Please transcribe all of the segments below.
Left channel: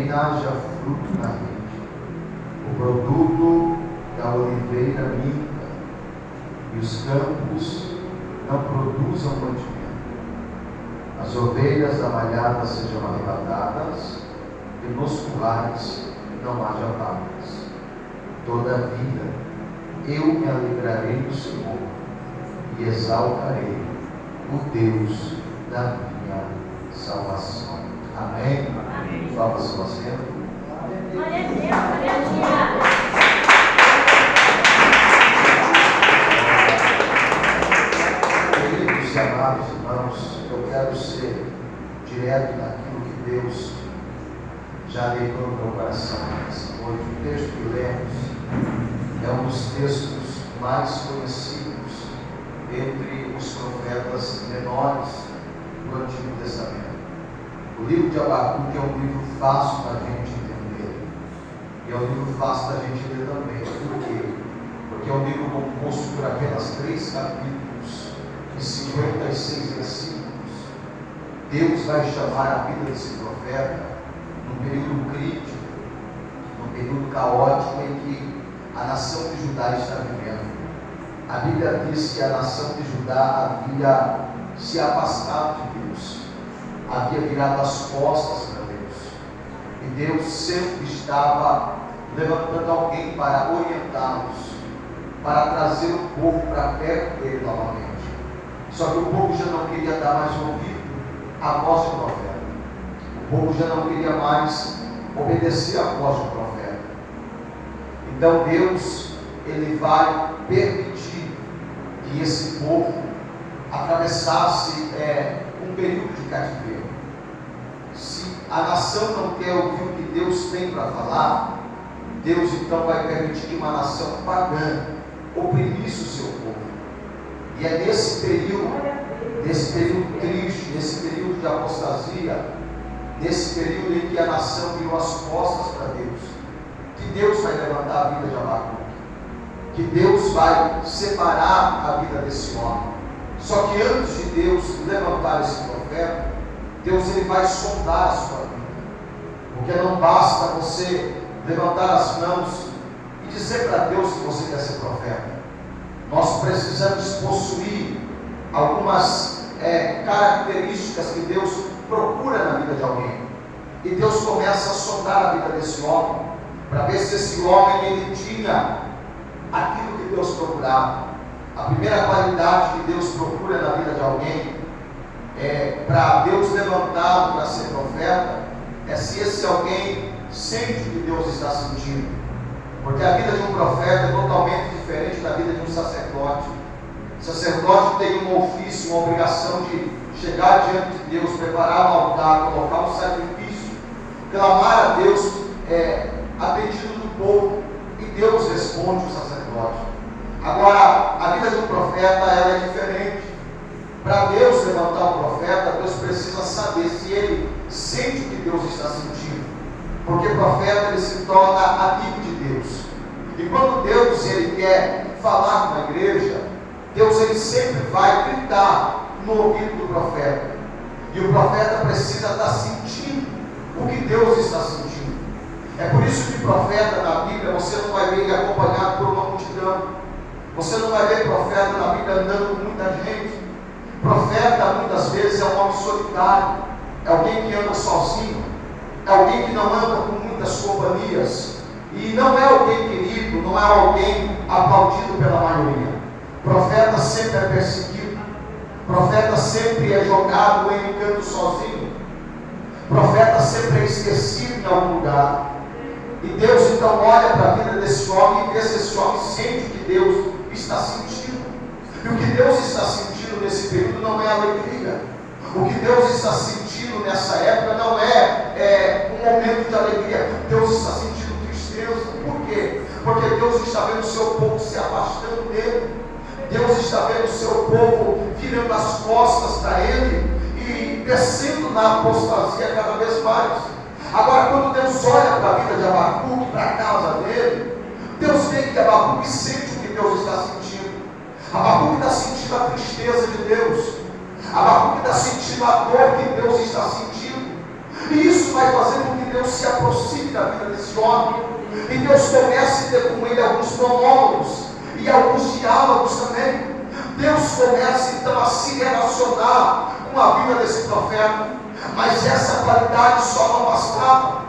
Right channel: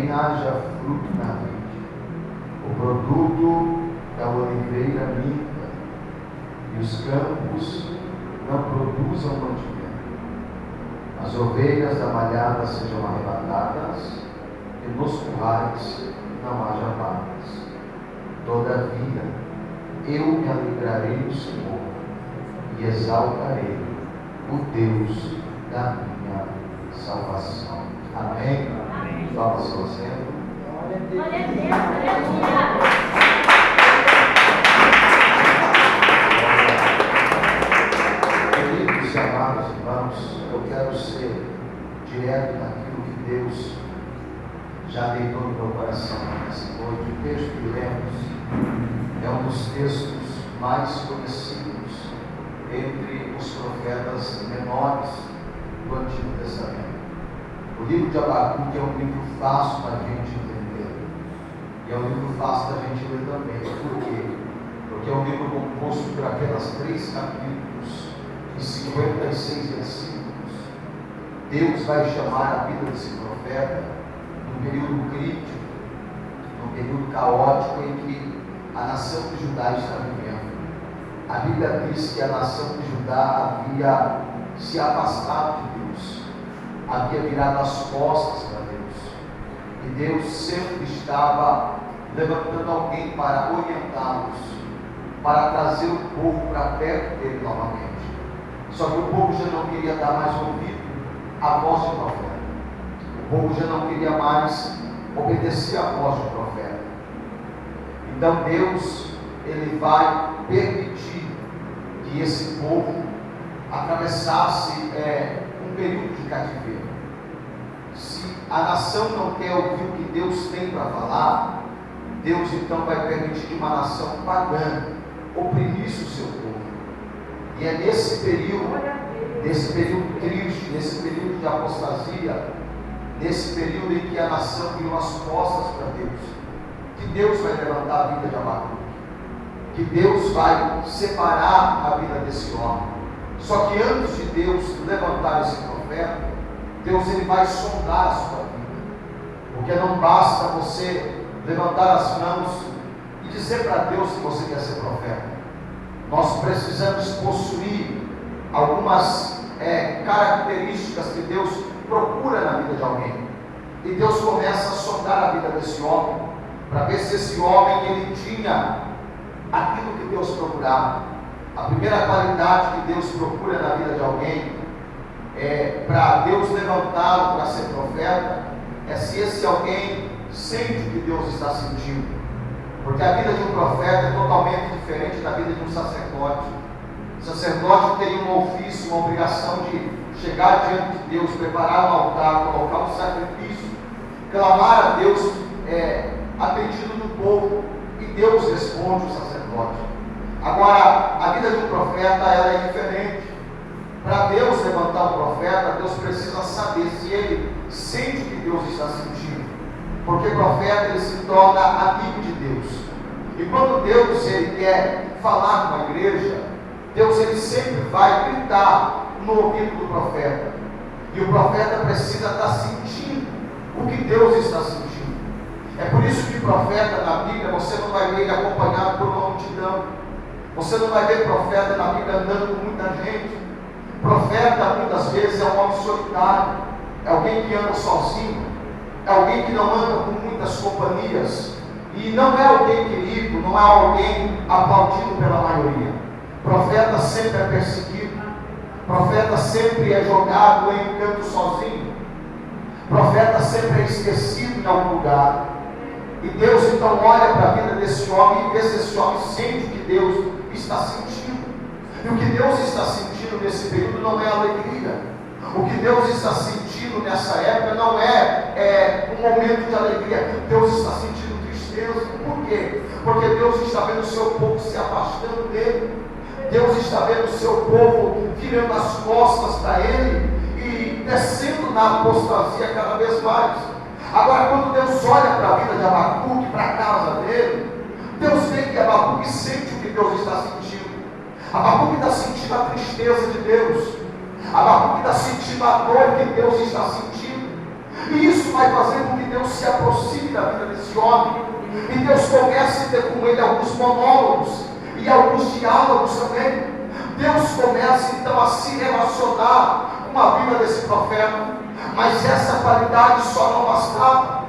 também haja fruto na rede. O produto da oliveira minta, e os campos não produzam mantimento. As ovelhas da malhada sejam arrebatadas, e nos currais não haja vacas. Todavia, eu me alegrarei no Senhor, e exaltarei o Deus da minha salvação. Amém? Amém. Toma seu assento. Glória a Deus, glória a Deus. Queridos, amados irmãos, eu quero ser direto naquilo que Deus já deitou no meu coração nessa noite. O texto que lemos é um dos textos mais conhecidos entre os profetas menores do Antigo Testamento. O livro de Abacuque é um livro fácil para a gente entender, e é um livro fácil para a gente ler também. Por quê? Porque é um livro composto por apenas 3 capítulos e 56 versículos. Deus vai chamar a vida desse profeta num período crítico, num período caótico em que a nação de Judá está vivendo. A Bíblia diz que a nação de Judá havia se afastado de Deus, havia virado as costas para Deus, e Deus sempre estava levantando alguém para orientá-los, para trazer o povo para perto dele novamente. Só que o povo já não queria dar mais ouvido à voz do profeta, o povo já não queria mais obedecer à voz do profeta. Então Deus, ele vai permitir que esse povo atravessasse um período de cativeiro. Se a nação não quer ouvir o que Deus tem para falar, Deus então vai permitir que uma nação pagã oprimisse o seu povo. E é nesse período triste, nesse período de apostasia, nesse período em que a nação virou as costas para Deus, que Deus vai levantar a vida de Abacuque, que Deus vai separar a vida desse homem. Só que antes de Deus levantar esse profeta, Deus ele vai sondar a sua vida, porque não basta você levantar as mãos e dizer para Deus que você quer ser profeta. Nós precisamos possuir algumas características que Deus procura na vida de alguém, e Deus começa a sondar a vida desse homem, para ver se esse homem ele tinha aquilo que Deus procurava. A primeira qualidade que Deus procura na vida de alguém, para Deus levantá-lo para ser profeta, é se esse alguém sente o que Deus está sentindo. Porque a vida de um profeta é totalmente diferente da vida de um sacerdote. O sacerdote tem um ofício, uma obrigação de chegar diante de Deus, preparar um altar, colocar um sacrifício, clamar a Deus a pedido do povo, e Deus responde o sacerdote. Agora, a vida de um profeta ela é diferente. Para Deus levantar um profeta, Deus precisa saber se ele sente o que Deus está sentindo, porque o profeta ele se torna amigo de Deus. E quando Deus ele quer falar com a igreja, Deus ele sempre vai gritar no ouvido do profeta, e o profeta precisa estar sentindo o que Deus está sentindo. É por isso que profeta na Bíblia você não vai ver ele acompanhado por uma multidão, você não vai ver profeta na Bíblia andando com muita gente. Profeta muitas vezes é um homem solitário, é alguém que anda sozinho, é alguém que não anda com muitas companhias, e não é alguém querido, não é alguém aplaudido pela maioria. Profeta sempre é perseguido, profeta sempre é jogado em um canto sozinho, profeta sempre é esquecido em algum lugar. E Deus então olha para a vida desse homem e vê se esse homem sente o que Deus está sentindo. E o que Deus está sentindo nesse período não é alegria. O que Deus está sentindo nessa época não é um momento de alegria. Deus está sentindo tristeza. Por quê? Porque Deus está vendo o seu povo se afastando dele. Deus está vendo o seu povo virando as costas para ele e descendo na apostasia cada vez mais. Agora, quando Deus olha para a vida de Abacuque, para a casa dele, Deus vê que Abacuque sente o que Deus está sentindo. Abacuque está sentindo a tristeza de Deus. Abacuque está sentindo a dor que Deus está sentindo. E isso vai fazer com que Deus se aproxime da vida desse homem. E Deus comece a ter com ele alguns monólogos e alguns diálogos também. Deus começa então a se relacionar com a vida desse profeta. Mas essa qualidade só não bastava.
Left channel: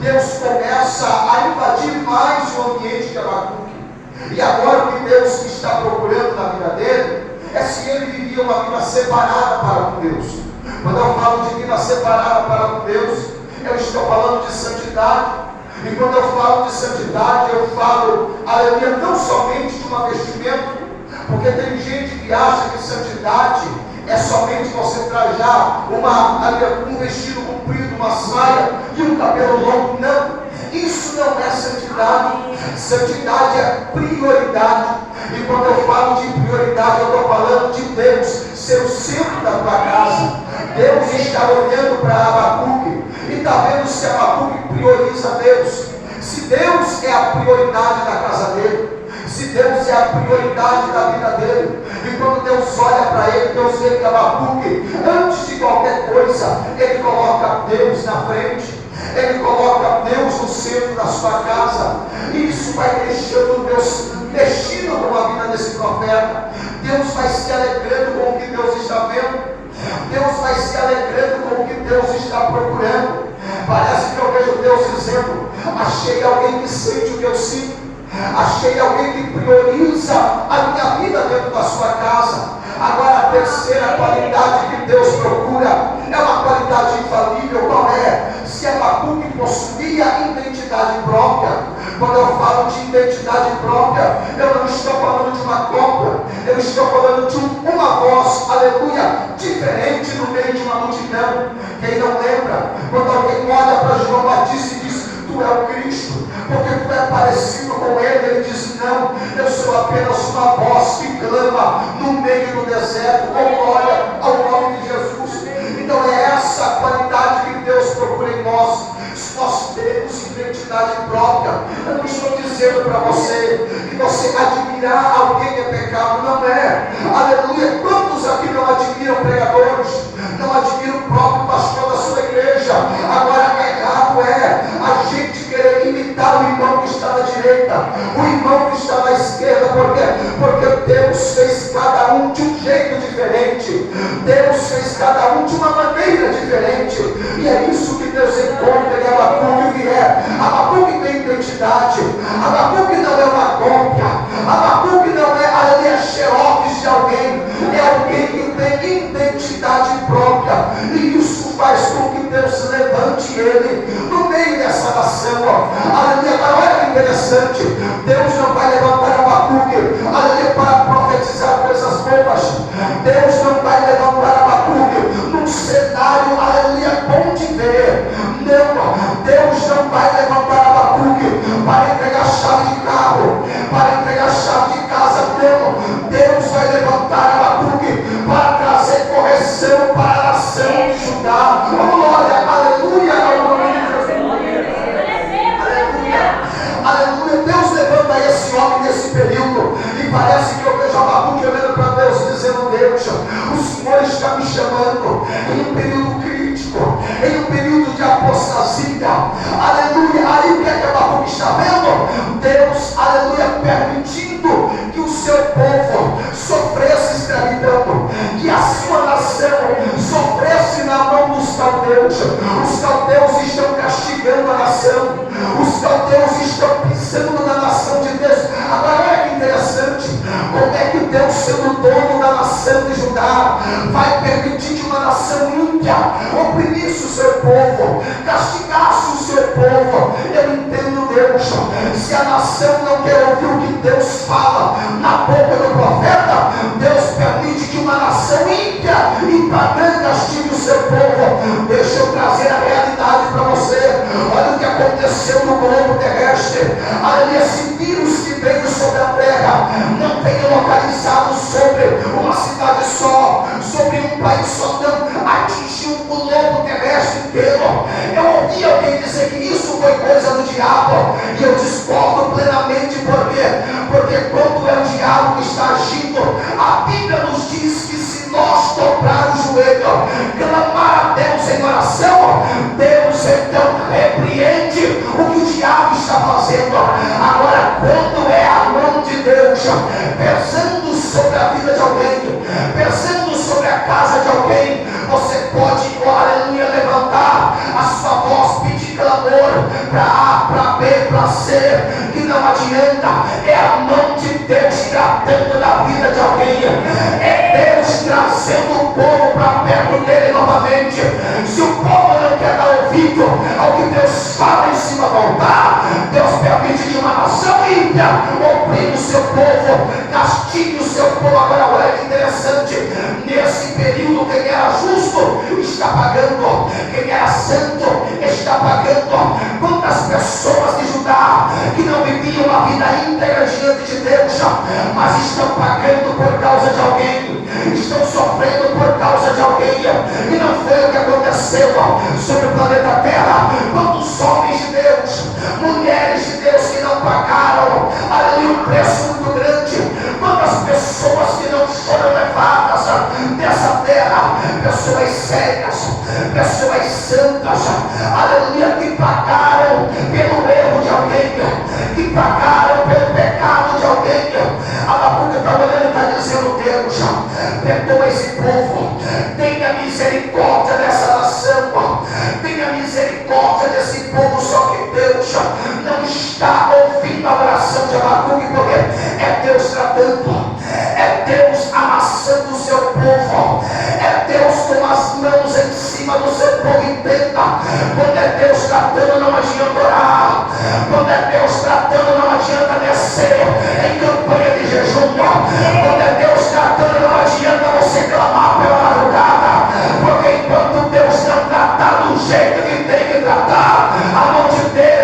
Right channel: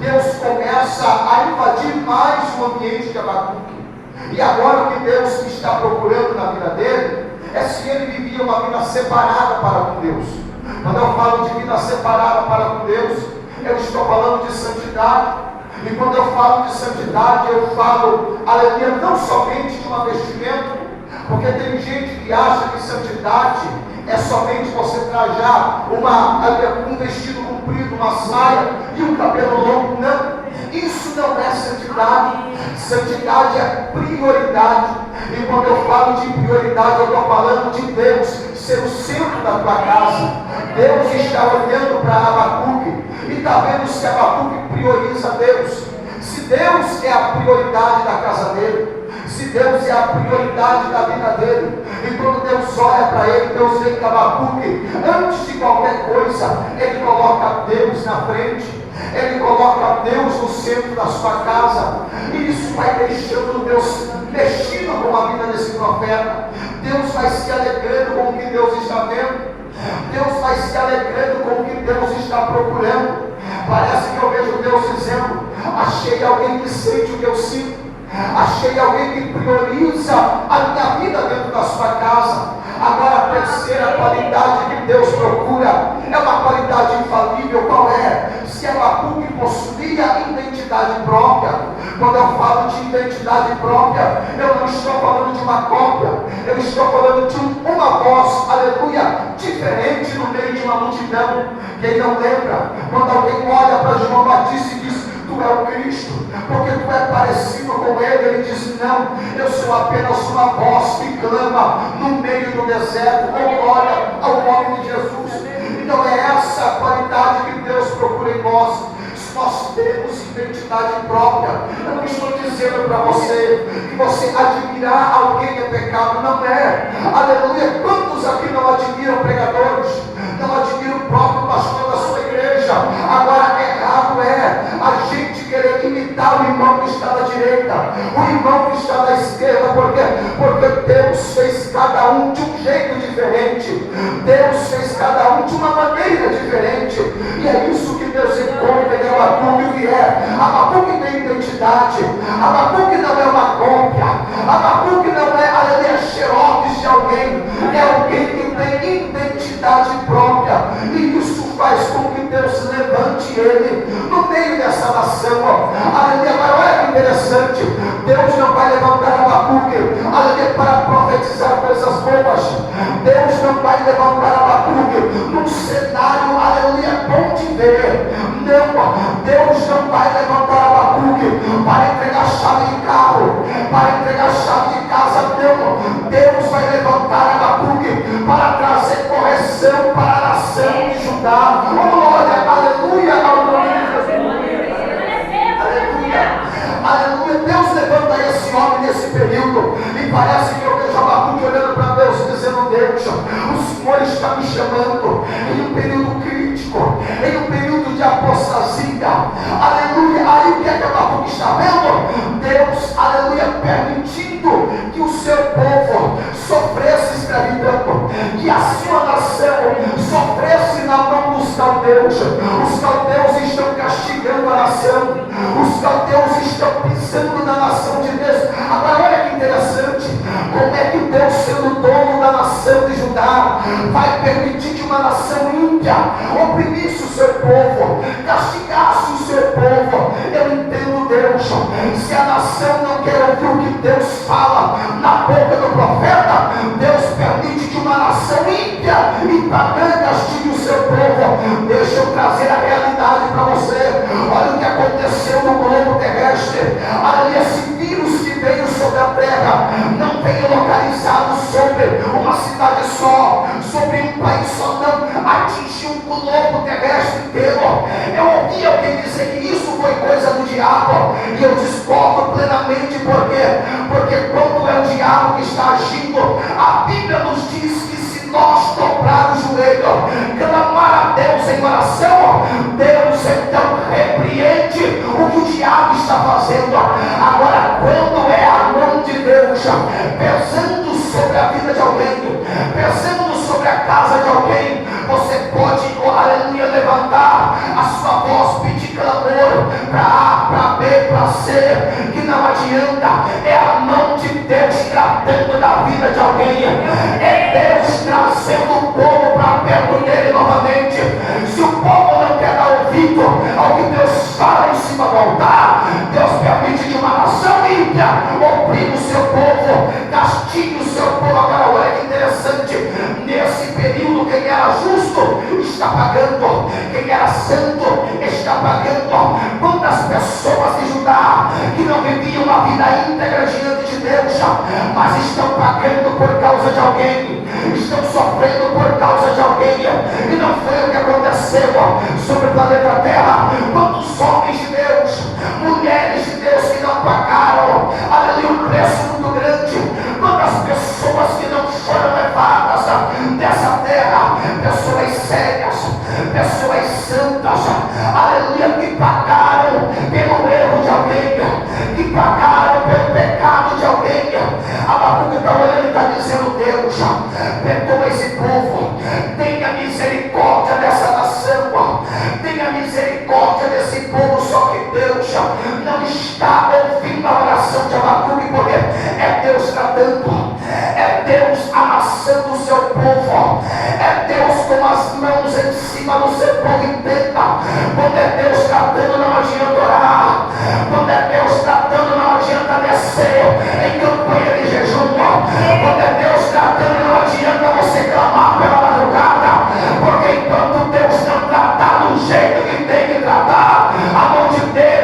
Deus começa a invadir mais o ambiente de Abacuque. E agora o que Deus está procurando na vida dele é se ele vivia uma vida separada para com Deus. Quando eu falo de vida separada para com Deus, eu estou falando de santidade. E quando eu falo de santidade, eu falo, aleluia, não somente de uma vestimenta, porque tem gente que acha que santidade é somente você trajar um vestido comprido, uma saia e um cabelo longo. Não, isso não é santidade. Santidade é prioridade. E quando eu falo de prioridade, eu estou falando de Deus ser o centro da tua casa. Deus está olhando para Abacuque e está vendo se Abacuque prioriza Deus. Se Deus é a prioridade da casa dele, se Deus é a prioridade da vida dele, e quando Deus olha para ele, Deus vê que Abacuque, antes de qualquer coisa, ele coloca Deus na frente, ele coloca Deus no centro da sua casa, e isso vai deixando Deus mexido com a vida desse profeta. Deus vai se alegrando com o que Deus está vendo, Deus vai se alegrando com o que Deus está procurando. Parece que eu vejo Deus dizendo: achei alguém que sente o que eu sinto, achei alguém que prioriza a minha vida dentro da sua casa. Agora a terceira qualidade que Deus procura é uma qualidade infalível. Qual é? Se Abacuque possuía identidade própria. Quando eu falo de identidade própria, eu não estou falando de uma cópia, eu estou falando de uma voz, aleluia, diferente no meio de uma multidão. Quem não lembra, quando alguém olha para João Batista e diz: tu é o Cristo, porque tu é parecido com ele, ele diz: não, eu sou apenas uma voz que clama no meio do deserto, com glória ao nome de Jesus. Então é essa qualidade que Deus procura em nós. Nós temos identidade própria. Eu não estou dizendo para você que você admirar alguém é pecado, não é. Aleluia. Quantos aqui não admiram pregadores, não admiram o próprio pastor da sua igreja? Agora, errado é a gente querer imitar o irmão que está na direita, o irmão que está na esquerda. Por quê? Porque Deus fez cada um de um jeito diferente, Deus fez cada um de uma maneira diferente, e é isso que Deus encontra em Abacuque. Abacuque tem identidade. Abacuque não é uma cópia. Abacuque não é xerox de alguém. É alguém que tem identidade própria, e isso faz com que Deus levante ele no meio dessa nação. Aleluia. Agora olha que interessante, Deus não vai levantar Abacuque, aleluia, para profetizar coisas boas. Deus não vai levantar Abacuque num cenário, aleluia, bom de ver. Não, Deus não vai levantar Abacuque para entregar chave de carro, para entregar chave de casa. Não, Deus vai levantar Abacuque para trazer correção para a nação de Judá. Glória, aleluia, ao nome de Jesus. Aleluia, aleluia. Deus levanta esse homem nesse período, e parece que eu vejo Abacuque olhando para Deus, dizendo: Deus, o Senhor está me chamando em um período crítico, em um período de apostasia. Aleluia. Aí o que é que Abacuque está vendo? Deus, aleluia, permitindo que o seu povo sofresse escravidão, que a sua nação sofresse na mão dos caldeus. Os caldeus estão castigando a nação, os caldeus estão pisando na nação de Deus. Agora olha que interessante, como é que Deus, sendo dono da nação de Judá, vai permitir que uma nação ímpia oprimisse o seu povo, castigasse o seu povo? Eu entendo Deus. Se a nação não quer ouvir o que Deus fala na boca do profeta, Deus permite que uma nação ímpia e pagã castigue o seu povo. Deixa eu trazer a realidade para você. Olha o que aconteceu no globo terrestre. Aleluia. Esse vírus que veio sobre a terra não veio localizado sobre uma cidade só, sobre um país só, não. Atingiu o globo terrestre inteiro. Eu ouvi alguém dizer que isso foi coisa do diabo, e eu discordo plenamente. Por quê? Porque quando é o diabo que está agindo, a Bíblia nos diz que se nós dobrar o joelho clamar a Deus em oração, Deus então repreende o que o diabo está fazendo. Agora, quando é a mão de Deus pesando sobre a vida de alguém, pesando sobre a casa de alguém, você pode, aleluia, levantar a sua voz, pedir clamor para A, para B, para C, que não adianta. É a mão de Deus tratando da vida de alguém, é Deus trazendo o povo para perto dele novamente. Se o povo não quer dar ouvido ao que Deus fala em cima do altar, Deus permite que uma nação ímpia oprime o seu povo, castigue o seu povo. Agora olha que interessante, nesse período quem era justo está pagando, quem era santo está pagando. Quantas pessoas de Judá que não viviam uma vida íntegra diante de Deus, mas estão pagando por causa de alguém, estão sofrendo por causa de alguém. E não foi o que aconteceu sobre o planeta Terra. Quantos homens de Deus, mulheres de Deus que não pagaram, ali um preço muito grande. Quantas pessoas que não foram levadas dessa terra, pessoas sérias, pessoas santas, aleluia, que pagaram pelo erro de alguém, que pagaram pelo pecado de alguém. Abacuque está olhando e está dizendo: Deus, perdoa esse povo, tenha misericórdia dessa nação, tenha misericórdia desse povo. Só que Deus não está ouvindo a oração de Abacuque, porque é Deus tratando, é Deus amassando o seu povo, é Deus com as mãos em cima do seu povo. Entenda, quando é Deus tratando não adianta orar, quando é Deus tratando não adianta descer em campanha de jejum, quando é Deus tratando não adianta você clamar pela madrugada, porque enquanto Deus não tratar do jeito que tem que tratar, a mão de Deus,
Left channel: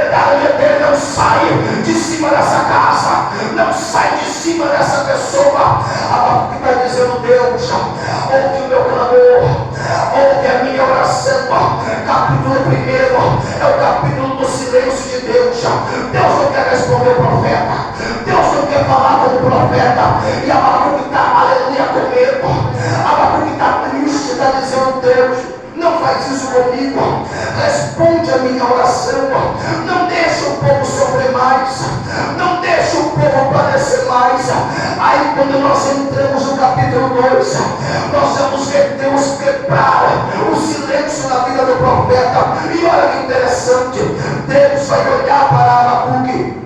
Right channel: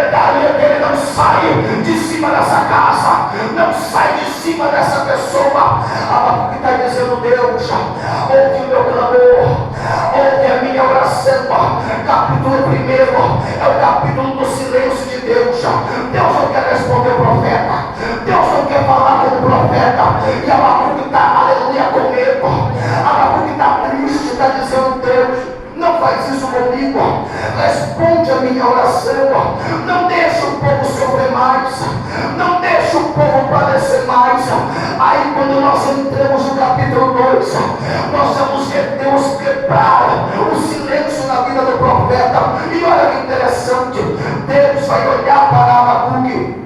dele não sai de cima dessa casa, não sai de cima dessa pessoa. A que está dizendo: Deus, ouve o meu clamor, ouve a minha oração. Capítulo 1 é o capítulo do silêncio de Deus. Deus não quer responder o profeta, Deus não quer falar com o profeta. E Abacuque está, aleluia, com medo, Abacuque está triste, está dizendo: Deus, não faz isso comigo, responde a minha oração, não deixa o povo sofrer mais, não deixa o povo padecer mais. Aí quando nós entramos no capítulo 2, nós vamos ver Deus quebrar o silêncio na vida do profeta. E olha que interessante, Deus vai olhar para Abacuque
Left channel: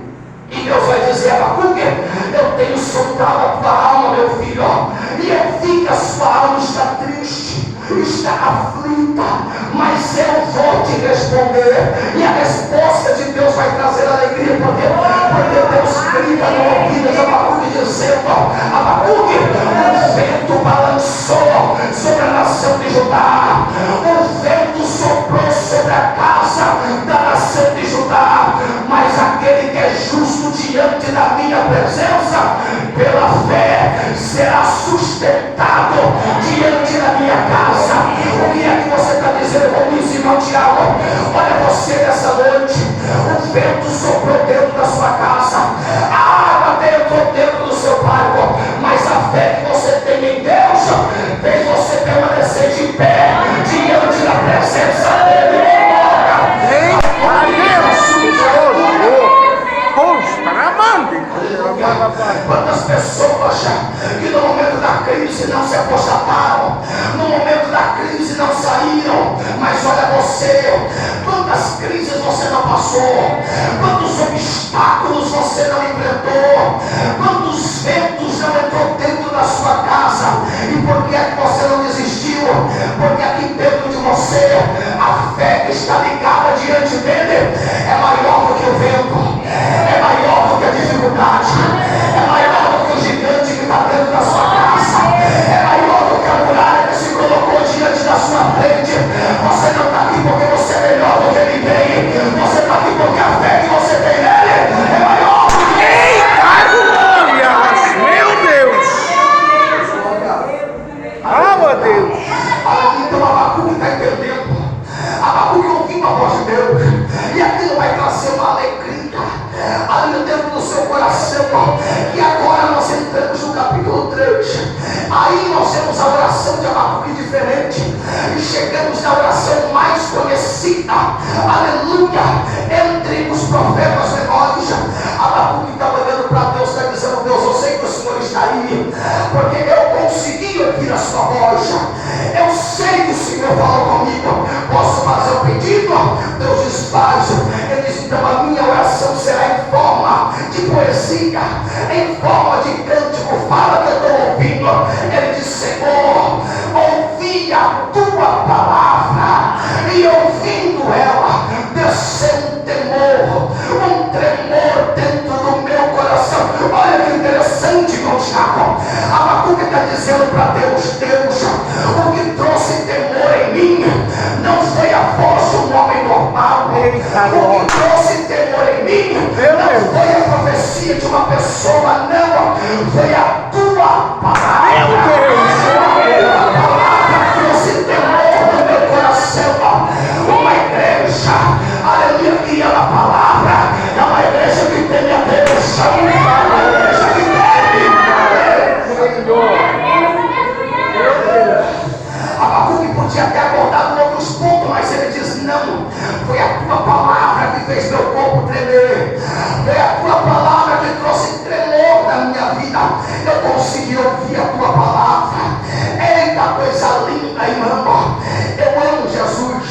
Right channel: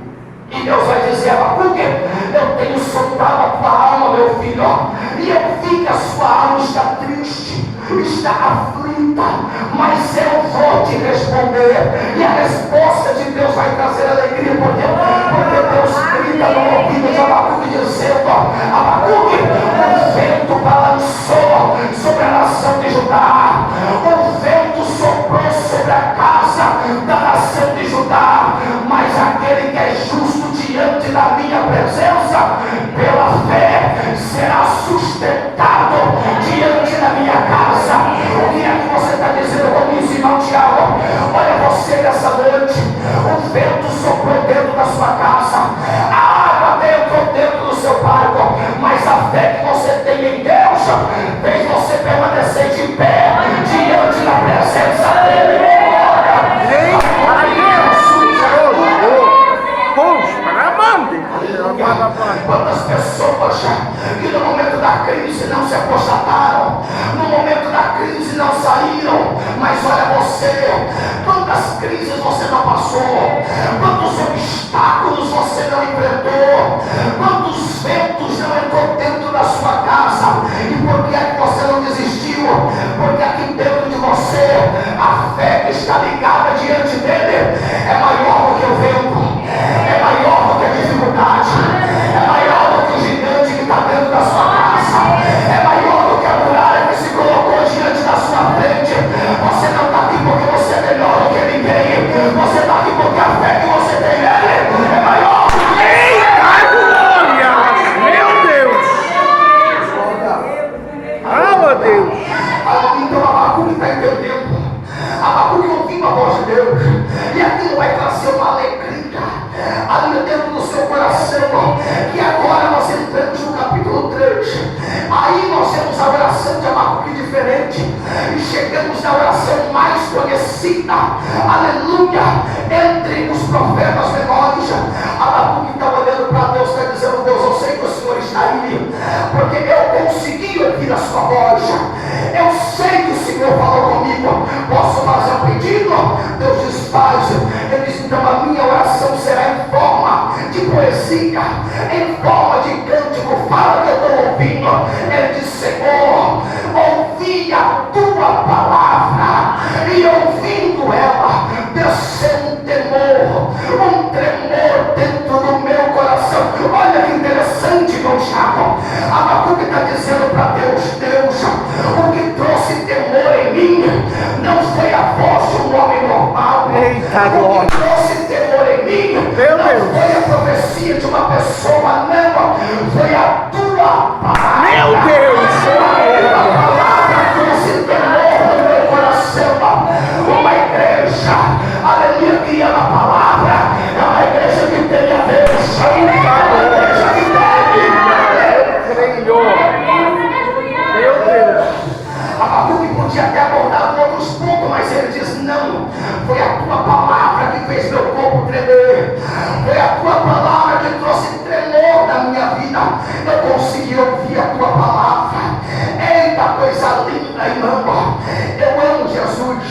e Deus vai dizer: Abacuque, eu tenho soltado a tua alma, meu filho, e eu vi que a sua alma está triste, está aflita, mas eu vou te responder. E a resposta de Deus vai trazer alegria, porque Deus grita no ouvido de Abacuque dizendo: Abacuque, o vento balançou sobre a nação de Judá, o vento soprou sobre a casa da nação de Judá, mas aquele que é justo diante da minha presença, pela fé, será sustentado diante da minha casa. O que é que você está dizendo comigo, irmão Tiago? Olha você nessa noite, o vento soprou dentro da sua casa, a água entrou dentro do seu barco, mas a fé que você tem em Deus fez você permanecer de pé diante da presença dele. Quantas pessoas que no momento da crise não se apostataram, no momento da crise não saíram, mas olha você, quantas crises você não passou, quantos obstáculos você não enfrentou, quantos ventos não entrou dentro da sua casa. E por que é que você não desistiu? Porque aqui dentro de você a fé que está ligada diante dele é maior do que o vento, é maior do que a dificuldade, é maior do que o gigante que está dentro da sua casa, é maior do que a muralha que se colocou diante da sua frente. Você não está aqui porque você é melhor do que ninguém, você está aqui porque a fé que você tem nele é maior do que meu Deus! Ah, meu Deus! Então Abacuque está entendendo, Abacuque ouvindo a voz profetas menores. Abacuque está olhando para Deus, está dizendo: Deus, eu sei que o Senhor está aí, porque eu consegui ouvir a sua voz. Eu sei que o Senhor falou comigo. Posso fazer um pedido? Deus diz: faz. Ele diz: então a minha oração será em forma de poesia, em forma de cântico. Fala que eu estou ouvindo. Ele diz: Senhor, ouvi a tua palavra, e ouvindo ela, desceu um temor, um tremor dentro do meu coração. Olha que interessante, meu Tiago. Abacuque está dizendo para Deus: Deus, o que trouxe temor em mim não foi a voz de um homem normal. O que trouxe temor em mim não foi a profecia de uma pessoa, não, foi a tua palavra. Meu Deus, a palavra trouxe temor no meu coração. Uma igreja, aleluia, que ama a palavra, é uma igreja que teme a Deus, é uma igreja que teme. Abacuque podia ter abordado outros pontos, mas ele diz: não, foi a tua palavra que fez meu corpo tremer, foi a tua palavra que trouxe tremor na minha vida. Eu consegui ouvir a tua palavra. Eita, coisa linda, irmão. Eu amo Jesus.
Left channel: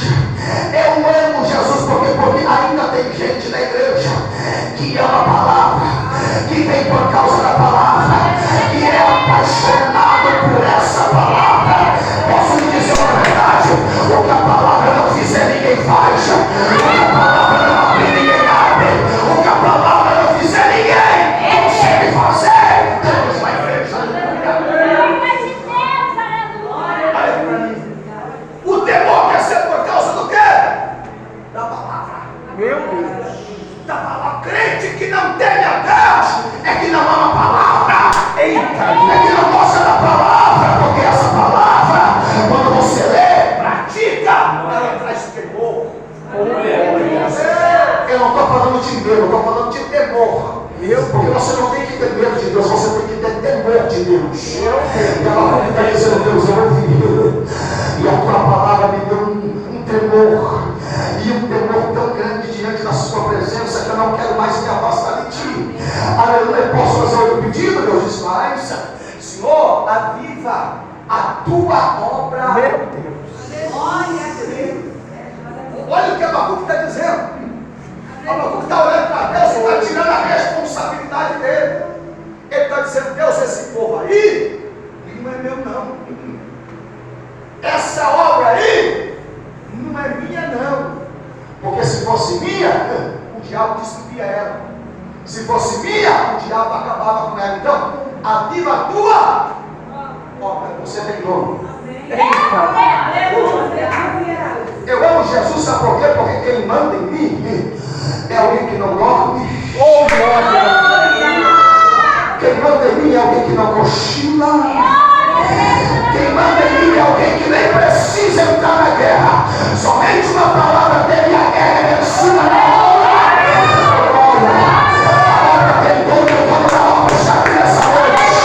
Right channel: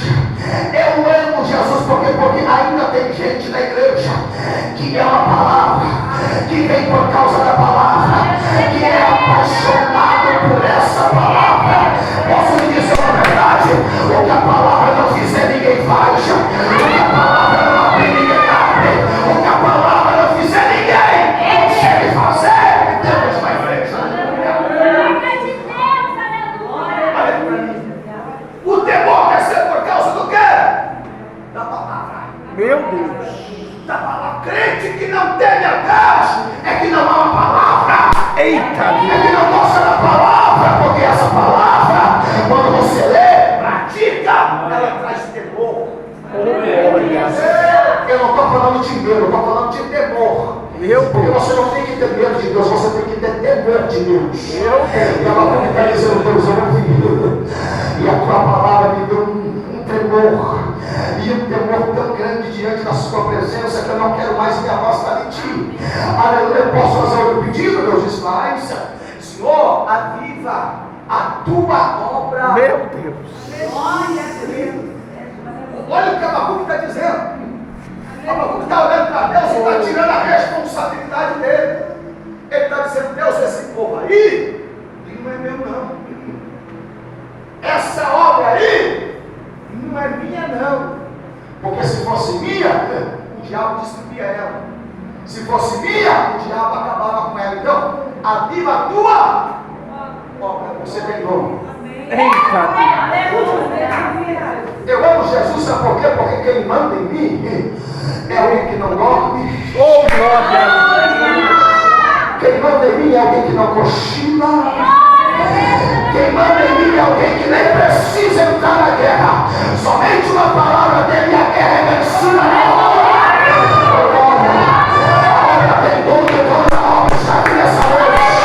Eu amo Jesus porque ainda tem gente na igreja que ama a palavra, que vem por causa da palavra, que é apaixonado por essa palavra. Posso lhe dizer uma verdade: o que a palavra não fizer, ninguém faz. O que a palavra não abrir, ninguém abre. O que a palavra não fizer, ninguém consegue fazer. Temos uma igreja. Olha para mim. O temor quer ser por causa do quê? Da palavra. Meu Deus. Da palavra. Crente que não teme a Deus é que não ama a palavra. Eita. É que não gosta da palavra, porque essa palavra, quando você lê, pratica, ela traz temor. Eu não estou falando de medo, eu estou falando de temor. Porque você não tem que ter medo de Deus, você tem que ter temor de Deus. E ela está dizendo: Deus, eu ouvi, e a tua palavra me deu um temor, e um temor tão grande diante da sua presença, que eu não quero mais me afastar de ti. Aleluia. Posso fazer outro pedido? Deus diz: faz. Senhor, aviva a tua obra. Meu Deus. Olha o que Abacuque está dizendo. Abacuque está olhando para Deus e está tirando a responsabilidade dele. Ele está dizendo: Deus, esse povo aí, ele não é meu, não. Essa obra aí não é minha, não. Porque se fosse minha, o diabo destruía ela. Se fosse minha, o diabo acabava com ela. Então, aviva a tua obra. Você tem nome. Eu amo Jesus, sabe por quê? Porque quem manda em mim é alguém que não dorme. Quem manda em mim é alguém que não cochila. Quem manda em mim é alguém que nem precisa entrar na guerra. Somente uma palavra dele e a guerra é vencida na hora. A obra tem dono, o dono da obra está aqui nessa noite.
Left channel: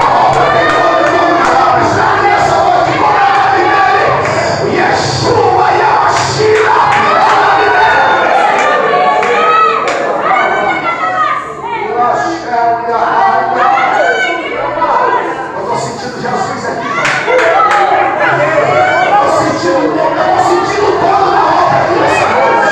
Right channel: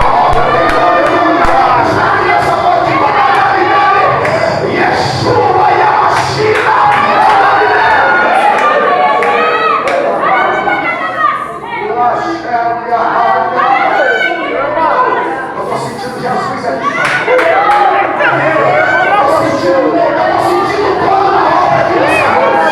A obra tem dono, o dono da obra está aqui nessa noite. Como é o nome dele? Yeshua e a Machina. É o nome dele. Eu estou sentindo Jesus aqui. Eu estou sentindo o dono da obra aqui nessa noite.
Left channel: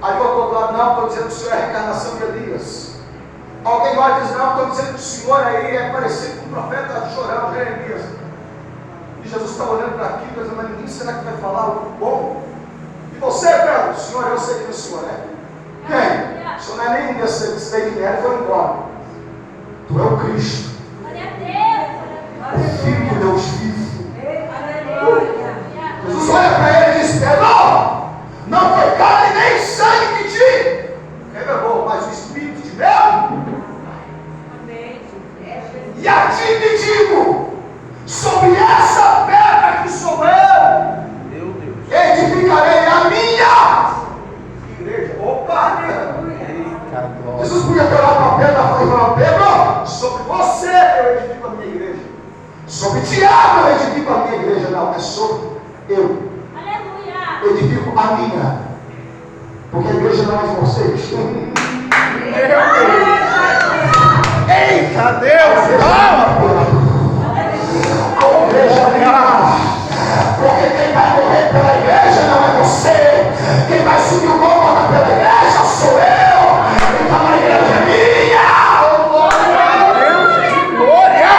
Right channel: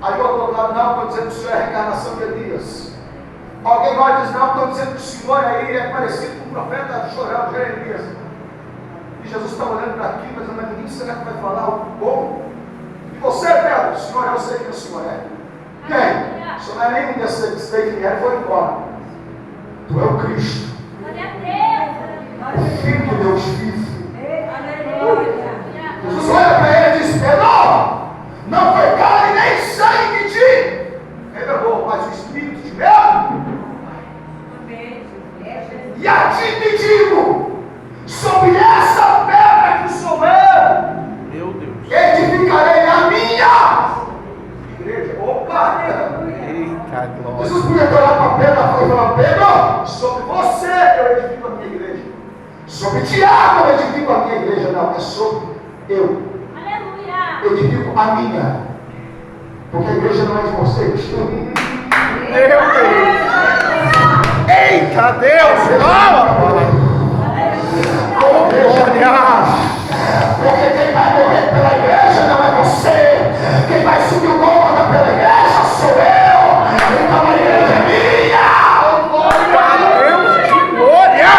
Aí o outro lado, não, estou dizendo que o Senhor é a reencarnação de Elias. Alguém agora diz, não, estou dizendo que o Senhor aí é parecido com o profeta chorando, Jeremias. E Jesus está olhando para aquilo, dizendo, mas ninguém será que vai falar algo bom? E você, Pedro, Senhor, eu sei que o Senhor é. Quem? O Senhor não é nenhum desses daí que era e foi embora. Tu é o Cristo, o Filho de Deus vivo. Jesus olha para ele e diz, Pedro, não foi carne nem sangue que te revelou, mas o Espírito de Deus. E a ti te digo, sobre essa pedra que sou eu, meu Deus, edificarei a minha igreja. Opa! Jesus podia ter olhado para a pedra e falar, Pedro, sobre você eu edifico a minha igreja. Sobre Tiago eu edifico a minha igreja. Não, é sobre eu. Aleluia. Edifico a minha. Porque a igreja não é de vocês. Meu Deus. Eita Deus! Porque quem vai morrer pela igreja não é você. Quem vai subir o Gólgota pela igreja sou eu. Então a igreja é minha. Glória!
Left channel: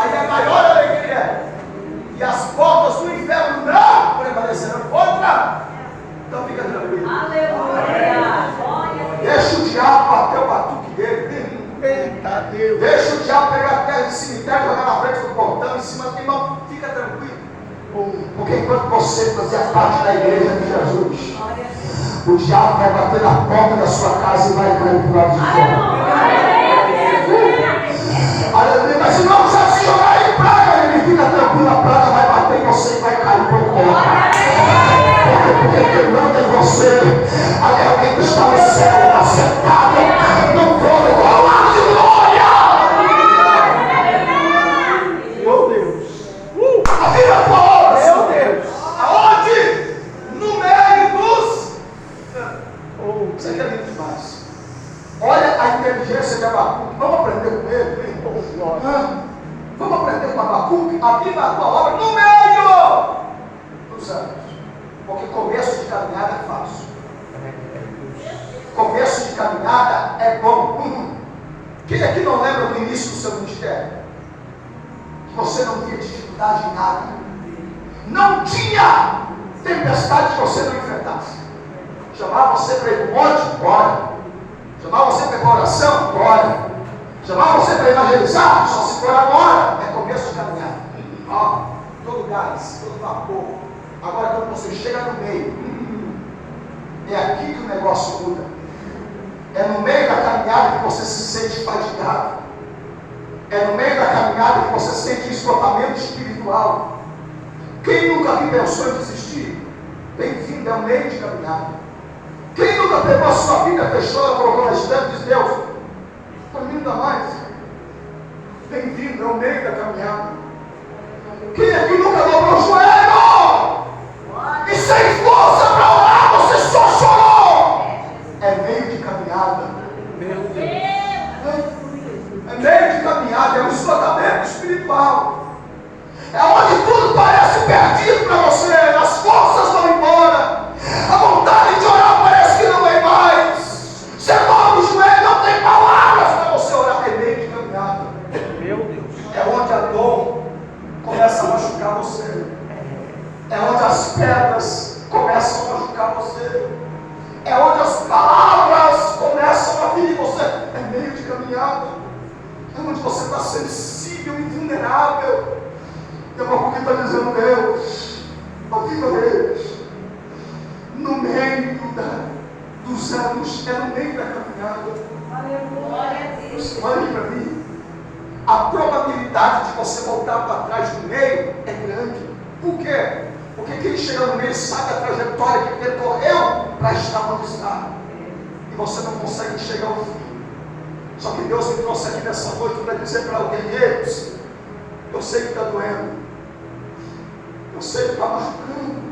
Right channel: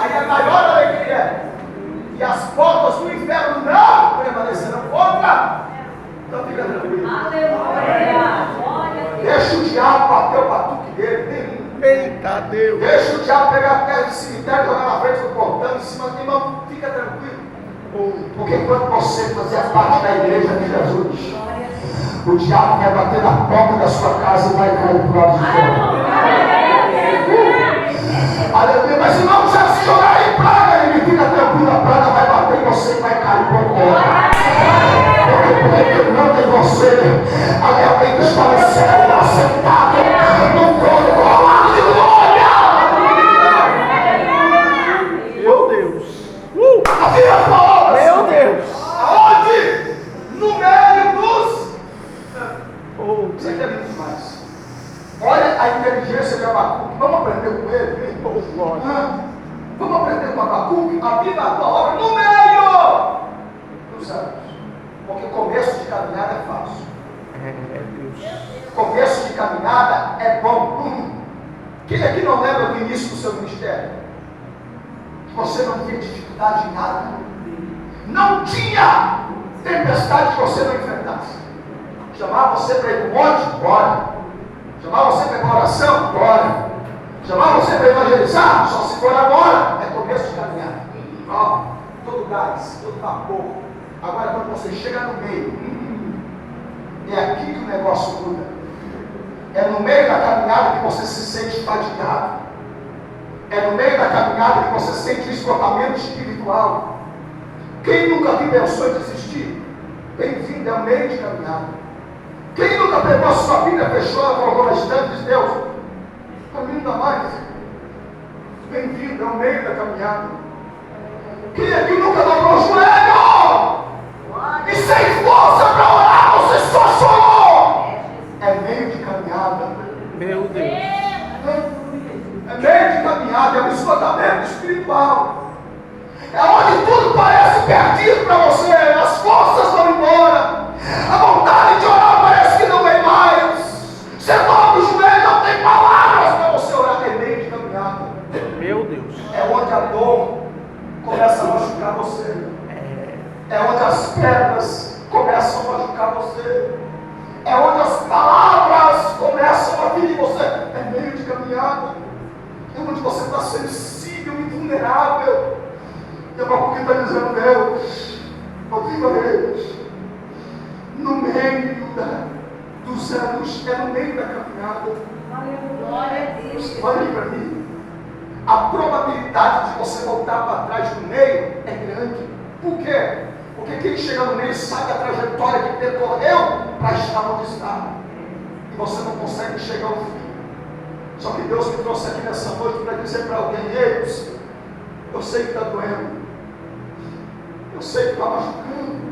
Aí é maior alegria. E as portas do inferno não prevalecerão contra. Então fica tranquilo. Aleluia! Deixa o diabo bater o batuque dele. Eita Deus! Deixa o diabo pegar a terra de cemitério e jogar na frente do portão em cima do irmão. Fica tranquilo. Porque enquanto você fazia parte da igreja de Jesus, o diabo vai bater na porta da sua casa e vai cair para o lado de fora. Aleluia! Mas irmão, já se jogar em praga, ele fica tranquilo, a praga vai bater em você e vai cair para o fora. Porque quem manda em você é alguém que está no céu, assentado no trono igual de glória. Meu Deus! A vida é boa! Meu Deus! Aonde? No meio dos... Você quer ver demais? Olha a inteligência de Abacuque. Vamos aprender com ele? Vamos aprender com Abacuque? A vida da tua obra no meio dos anos. Porque começo de caminhada é fácil. Começo de caminhada é bom. Quem aqui não lembra do início do seu ministério? Que você não tinha dificuldade em nada. Não tinha tempestade que você não enfrentasse. Chamava você para ir para o monte? Bora. Chamava você para ir para a oração? Bora. Chamava você para evangelizar? Só se for agora. É começo de caminhada. Todo gás, todo vapor. Agora quando você chega no meio, é aqui que o negócio muda. É no meio da caminhada que você se sente fatigado. É no meio da caminhada que você sente o esgotamento espiritual. Quem nunca aqui pensou em desistir? Bem-vindo, é o meio de caminhada. Quem nunca pegou a sua Bíblia, fechou, ela colocou na estante e disse, Deus, estou indo a mais. Bem-vindo, é o meio da caminhada. Quem aqui nunca dobrou o joelho? E sem força para orar, você só chorou. É meio de caminhada. Meu Deus. É meio de caminhada, é um esgotamento espiritual. É onde tudo parece perdido para você. As forças vão embora. A vontade de orar parece que não vem mais. Você dobra o joelho, não tem palavras para você orar. É meio de caminhada. Meu Deus. É onde a dor começa a machucar você. É onde as pedras começam a machucar você. É onde as palavras começam a vir em você. É meio de caminhada. É onde você está sensível e vulnerável. E o Abacuque está dizendo, Deus, ouvindo eles, no meio dos anos, é no meio da caminhada. Olhe para mim. A probabilidade de você voltar para trás no meio é grande. Por quê? Porque quem chega no meio sabe a trajetória que percorreu para estar onde está. E você não consegue chegar ao fim. Só que Deus me trouxe aqui nessa noite para dizer para alguém, eu sei que está doendo. Eu sei que está machucando.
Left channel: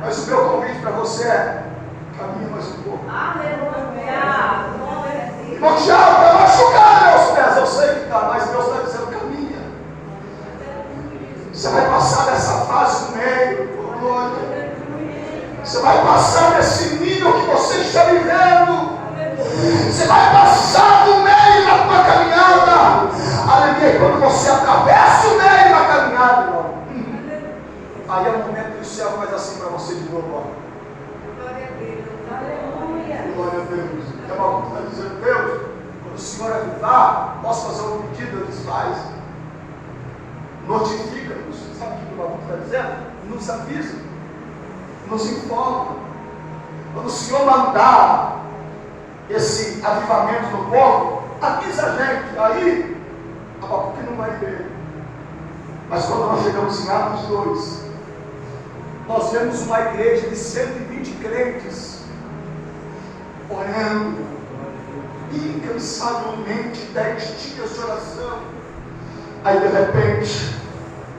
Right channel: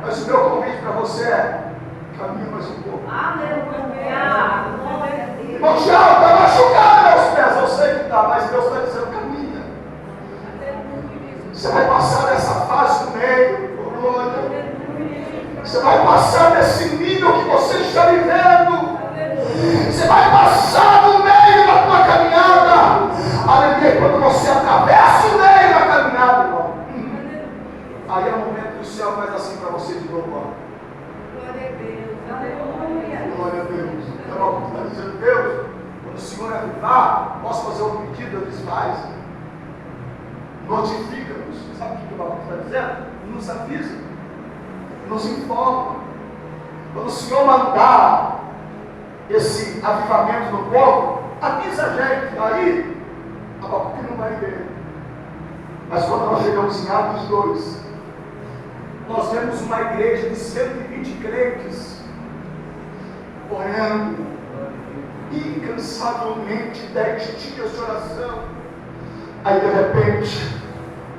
Mas o meu convite para você é, caminha mais um pouco. Irmão Tiago, está machucado meus pés. Eu sei que está, mas Deus está dizendo, caminha. Você vai passar dessa fase no meio. Você vai passar desse nível que você está vivendo. Você vai passar no meio da tua caminhada. Aleluia. Quando você atravessa o meio da caminhada, irmão, aí é o momento que o céu faz assim para você de novo. Ó. Glória a Deus. Glória a Deus. Então, está dizendo, Deus, quando o Senhor avivar, posso fazer um pedido? Ele diz, faz. Notifica-nos. Sabe o que o Babu está dizendo? Nos avisa. Nos informa. Quando o Senhor mandar esse avivamento no povo, avisa a gente. Aí, a Babu que não vai ver. Mas quando nós chegamos em Atos 2, nós vemos uma igreja de 120 crentes orando incansavelmente 10 dias de oração. Aí de repente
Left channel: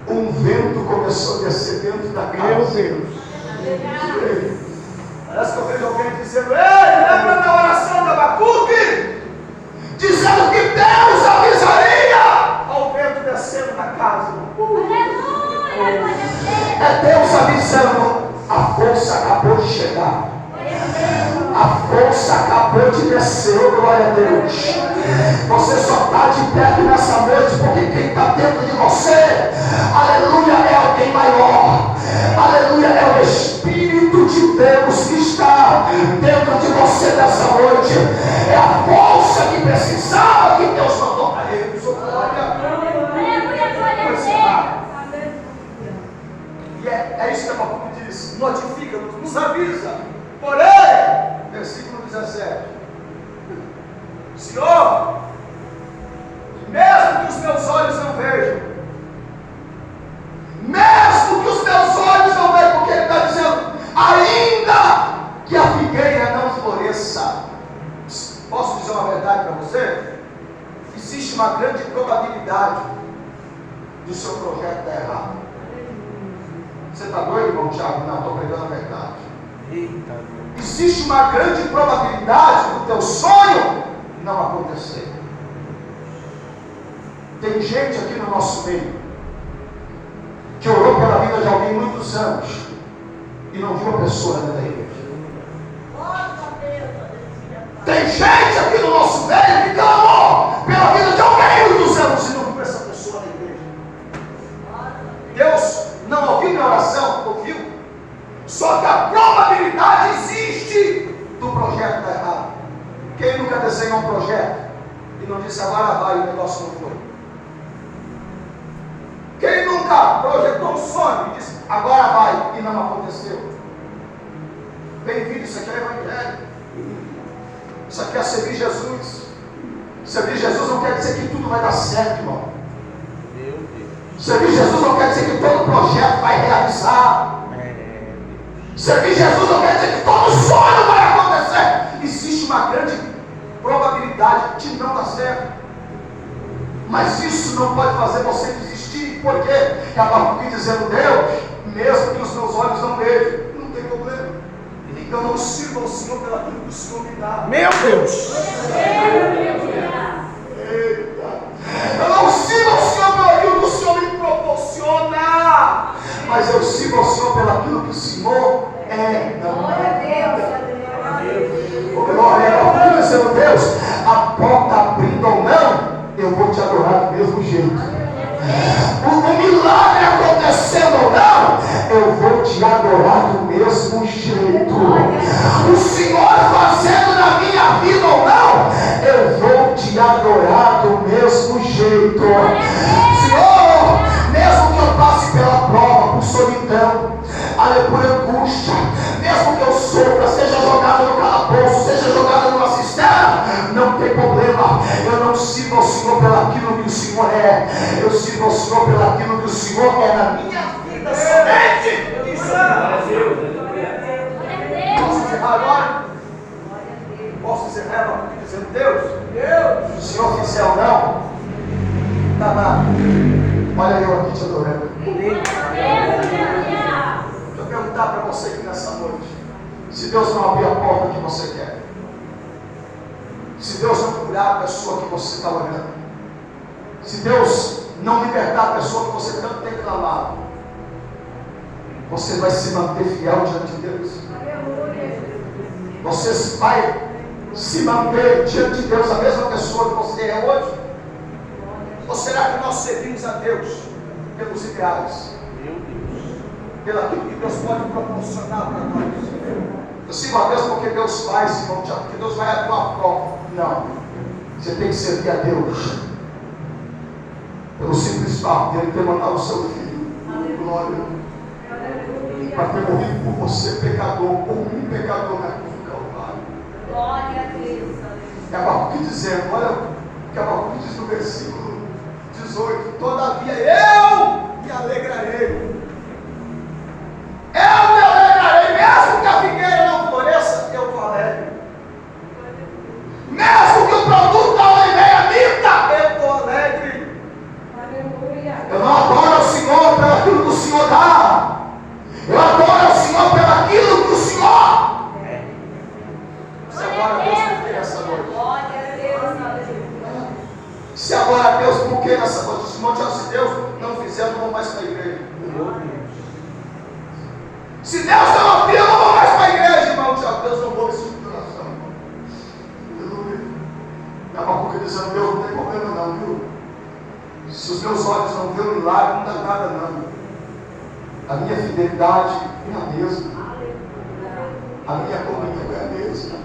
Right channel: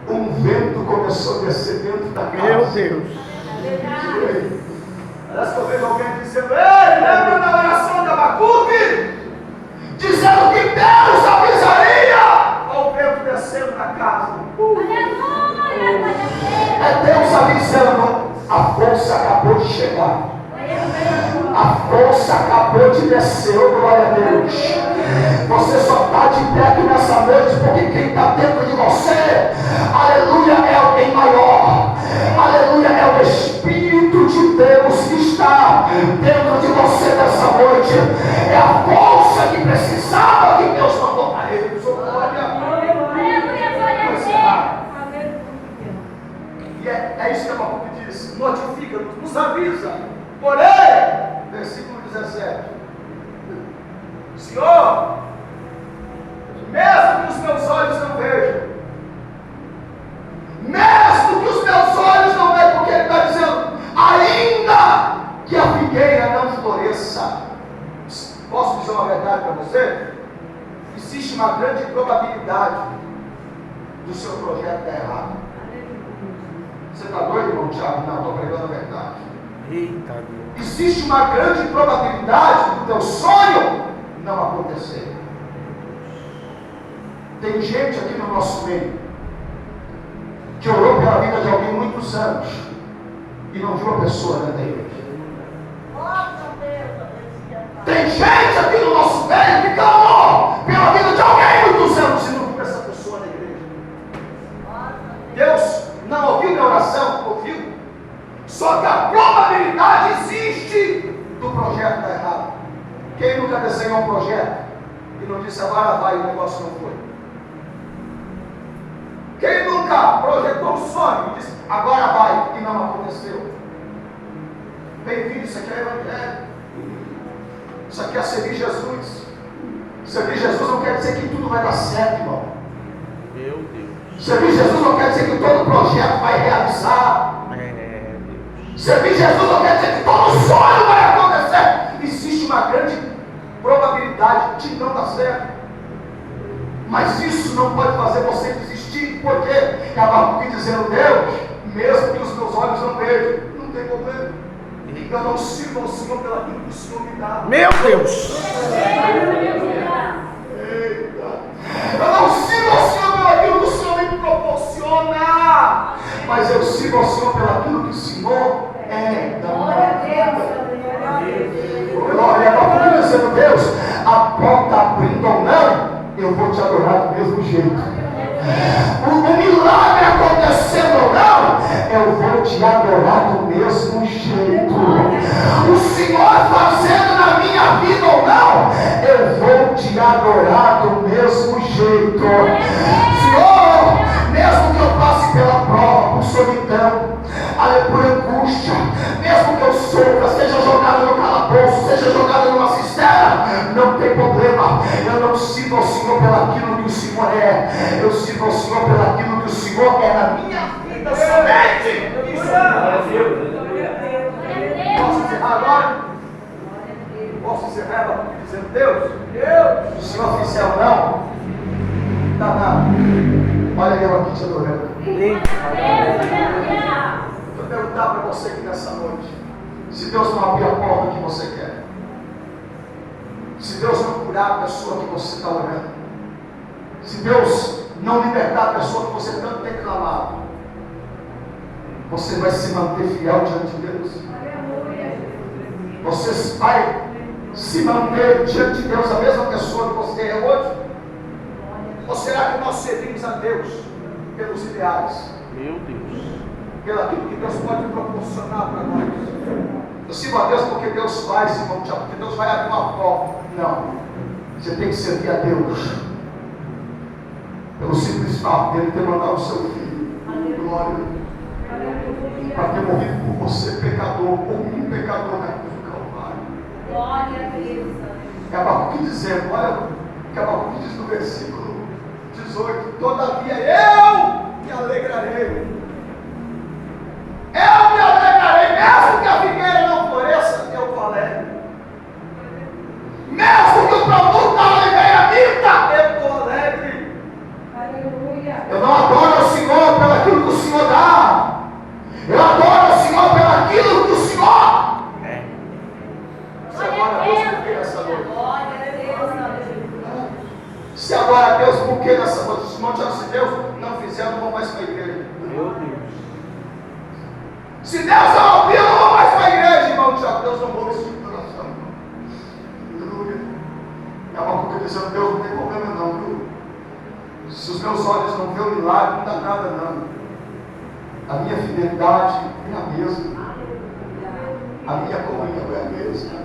um vento começou a descer dentro da casa. Meu Deus. Parece que eu vejo alguém dizendo, ei, lembra da oração de Abacuque? Dizendo que Deus avisaria ao vento descendo na casa. É Deus avisando, a força acabou de chegar. A força acabou de descer, glória a Deus. Você só está de pé aqui nessa noite porque quem está dentro de você, aleluia, é alguém maior. Aleluia, é o Espírito de Deus que está dentro de você nessa noite. É a força que precisava que Deus mandou para ele. E é isso que a Babu diz: notifica-nos, nos avisa. Porém, versículo 17: Senhor, mesmo que os meus olhos não vejam, mesmo que os meus olhos não vejam, porque ele está dizendo, ainda que a figueira não floresça, posso dizer uma verdade para você? Existe uma grande probabilidade do seu projeto dar errado. Você está doido, irmão Thiago? Não, estou pregando a verdade. Eita. Existe uma grande probabilidade do teu sonho não acontecer. Tem gente aqui no nosso meio que orou pela vida de alguém muitos anos e não viu a pessoa dentro da igreja. Tem gente aqui no nosso meio que clamou pela vida de alguém muitos anos e não viu essa pessoa na igreja. Deus não ouviu minha oração? Ouviu. Só que a probabilidade existe do projeto dar errado. Quem nunca desenhou um projeto e não disse agora vai e o negócio não foi? Quem nunca projetou um sonho e disse agora vai e não aconteceu? Bem-vindo, isso aqui é evangelho. Isso aqui é servir Jesus. Servir Jesus não quer dizer que tudo vai dar certo, irmão. Meu Deus. Servir Jesus não quer dizer que todo projeto vai realizar. Servir Jesus não quer dizer que todo sonho vai acontecer. Existe uma grande probabilidade de não dar certo. Mas isso não pode fazer você desistir. Por quê? Porque Abacuque dizendo, Deus, mesmo que os meus olhos não vejam, não tem problema. Eu não sirvo ao Senhor pelo aquilo que o Senhor me dá. Meu Deus. Eita. Eu não sirvo ao Senhor pelo aquilo que o Senhor me proporciona, mas eu sirvo ao Senhor pelo aquilo que o Senhor é. Glória a Deus, dizendo, Deus, a porta abrindo ou não, eu vou te adorar do mesmo jeito. O milagre acontecendo ou não, eu vou te adorar do mesmo jeito. O Senhor fazendo na minha vida ou não, eu vou te adorar do mesmo jeito. Senhor, mesmo que eu passe pela prova, por solidão, por angústia, mesmo que eu sofra, seja jogado no calabouço, seja jogado numa cisterna, não tem problema. Eu não sirvo ao Senhor pelaquilo que o Senhor é, eu sirvo ao Senhor pelaquilo que o Senhor é na minha vida somente. Isso é. Posso encerrar agora? Posso encerrar dizendo, Deus, se o Senhor fizer ou não, tá nada. Olha eu aqui te adorando. Deixa eu perguntar para você aqui nessa noite: se Deus não abrir a porta que você quer, se Deus não curar a pessoa que você está olhando, se Deus não libertar a pessoa que você tanto tem clamado, você vai se manter fiel diante de Deus? Você vai se manter diante de Deus a mesma pessoa que você é hoje? Ou será que nós servimos a Deus pelos ideais? Meu Deus. Pelo aquilo que Deus pode proporcionar para nós? Eu sirvo a Deus porque Deus faz, irmão Tiago, porque Deus vai abrir uma porta. Não. Você tem que servir a Deus pelo simples fato dele ter mandado o seu filho. Glória. Para ter morrido por você, pecador, por mim, pecador, na cruz do Calvário. Glória a Deus. É Abacuque dizendo, olha o que Abacuque diz no versículo 18: todavia eu me alegrarei. Eu me alegrarei, mesmo que a figueira não floresça, eu estou alegre. Mesmo que o produto da oliveira minta, eu estou alegre. Aleluia. Eu não adoro o Senhor pelo aquilo que o Senhor dá. Eu adoro o Senhor pelo aquilo que o Senhor. Você adora a Deus por que nessa noite? Glória a Deus. Se adora a Deus por que nessa noite? Se Deus não fizer, eu não vou mais para a igreja. Meu Deus. Se Deus não abrir, eu não vou mais para a igreja, irmão Tiago. Deus não ouve esse tipo de oração. Aleluia. E a Abacuque dizendo, Deus não tem problema não, viu? Se os meus olhos não veem o milagre, não dá nada não. A minha fidelidade é a mesma. A minha comunhão é a mesma.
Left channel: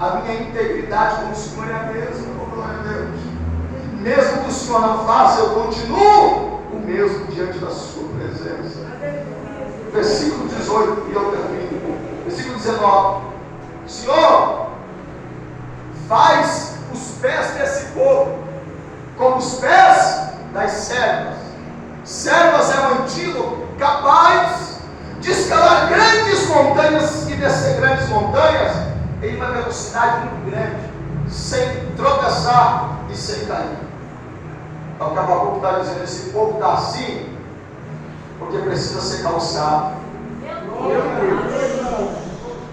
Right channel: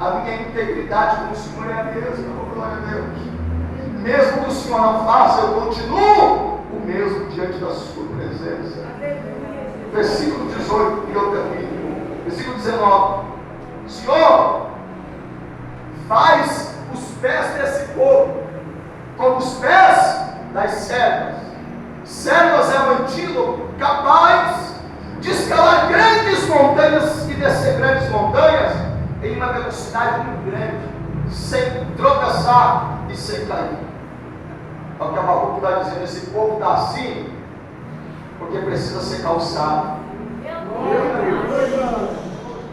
A minha integridade com o Senhor é a mesma. Glória a Deus. Mesmo que o Senhor não faça, eu continuo o mesmo diante da sua presença. Versículo 18, e eu termino. Versículo 19. Senhor, faz os pés desse povo como os pés das servas. Servas é um antílope capaz de escalar grandes montanhas e descer grandes montanhas em uma velocidade muito grande, sem tropeçar e sem cair. Então o que Abacuque está dizendo, esse povo está assim porque precisa ser calçado.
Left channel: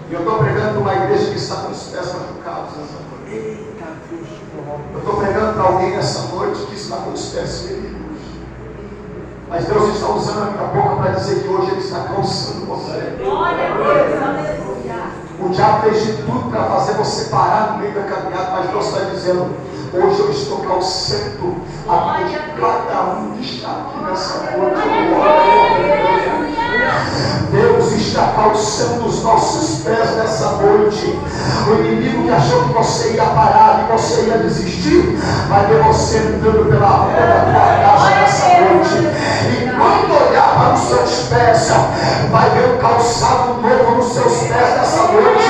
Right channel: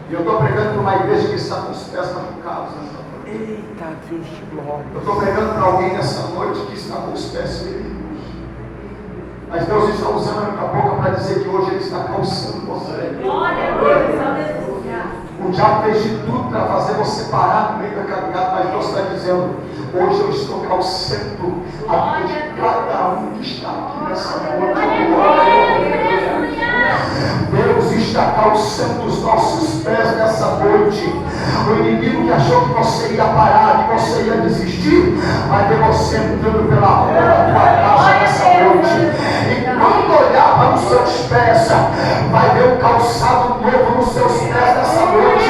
E eu estou pregando para uma igreja que está com os pés machucados nessa noite. Eita, Deus te glória. Eu estou pregando para alguém nessa noite que está com os pés feridos. Mas Deus está usando a minha boca para dizer que hoje Ele está calçando você. Glória a Deus. Aleluia. O diabo fez de tudo para fazer você parar no meio da caminhada, mas Deus está dizendo, hoje eu estou calçando a vida de cada um que está aqui nessa noite. Deus está calçando os nossos pés nessa noite. O inimigo que achou que você ia parar, que você ia desistir, vai ver você entrando pela rua da tua casa nessa noite. E quando olhar para os seus pés, vai ver um calçado novo nos seus pés nessa noite.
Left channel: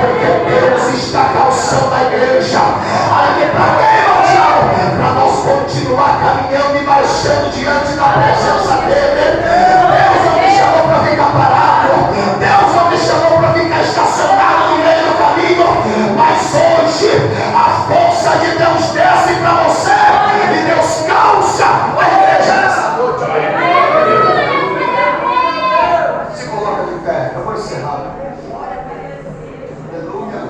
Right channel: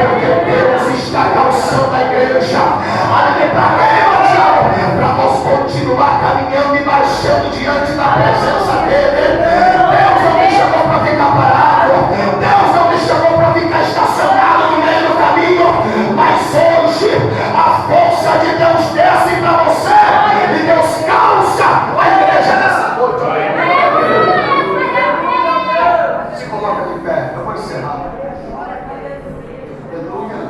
Porque Deus está calçando a igreja. Aí para quem, meu diabo? Para nós continuar caminhando e marchando diante da presença dele. Deus não me chamou para ficar parado. Deus não me chamou para ficar estacionado no meio do caminho. Mas hoje a força de Deus desce para você e Deus calça a igreja nessa noite. Se coloca de pé, eu vou encerrar. Aleluia.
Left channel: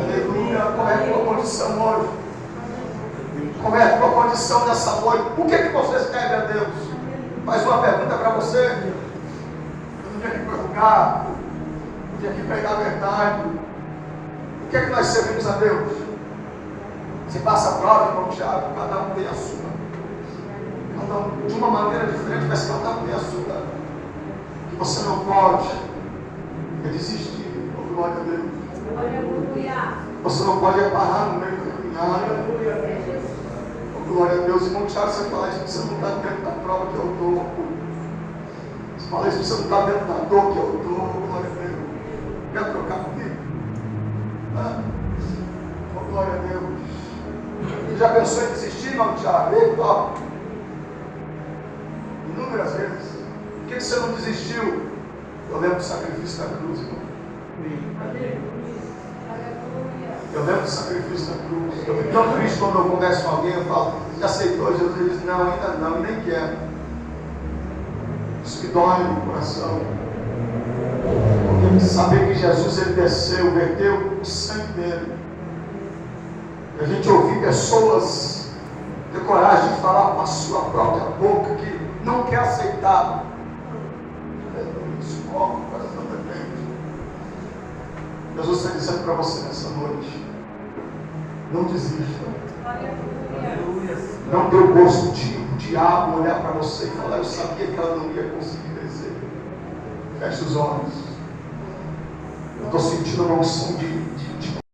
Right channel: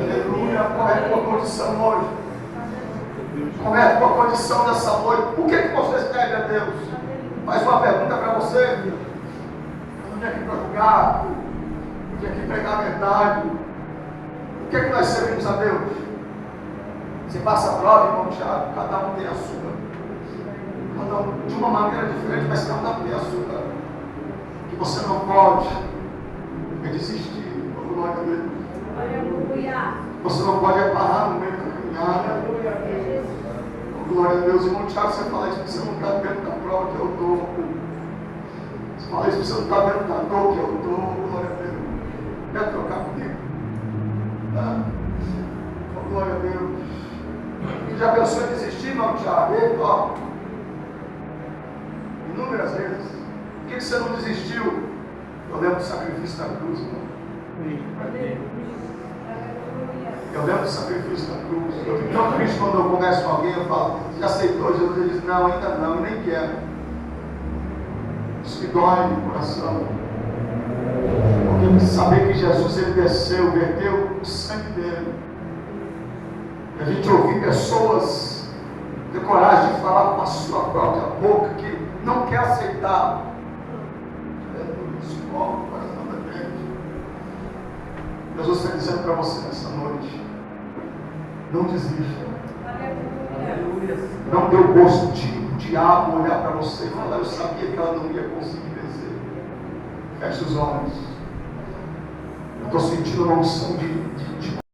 Aleluia. Qual é a tua condição hoje? Como é a tua condição nessa noite? Por que você serve a Deus? Faz uma pergunta para você. Eu não vim aqui para julgar. Eu vim aqui pregar a verdade. Por que nós servimos a Deus? Você passa a prova, irmão Tiago, cada um tem a sua. Cada um de uma maneira diferente, mas cada um tem a sua. O que você não pode é desistir. Oh, glória a Deus. Aleluia. Você não pode parar no meio da caminhada. Oh, glória a Deus. Irmão Tiago, você fala isso porque você não está dentro da prova que eu estou. Você fala isso porque você não está dentro da dor que eu estou. Glória a Deus. Quer trocar comigo? Oh, glória a Deus. Ele já pensou em desistir, irmão Tiago? Eita. Inúmeras vezes. Por que você não desistiu? Eu lembro do sacrifício da cruz, irmão. Eu lembro do sacrifício da cruz. Eu fico tão triste quando eu converso com alguém, eu falo, já aceitou Jesus? Ele diz, não, ainda não, nem quero. Isso me dói no coração. Porque saber que Jesus ele desceu, verteu o sangue dele. E a gente ouvir pessoas ter coragem de falar com a sua própria boca que não quer aceitar. Isso corre o coração da gente. Jesus está dizendo para você nessa noite: não desista. Aleluia. Não dê o gosto do diabo olhar para você e falar: eu sabia que ela não ia conseguir vencer. Feche os olhos. Eu estou sentindo uma unção de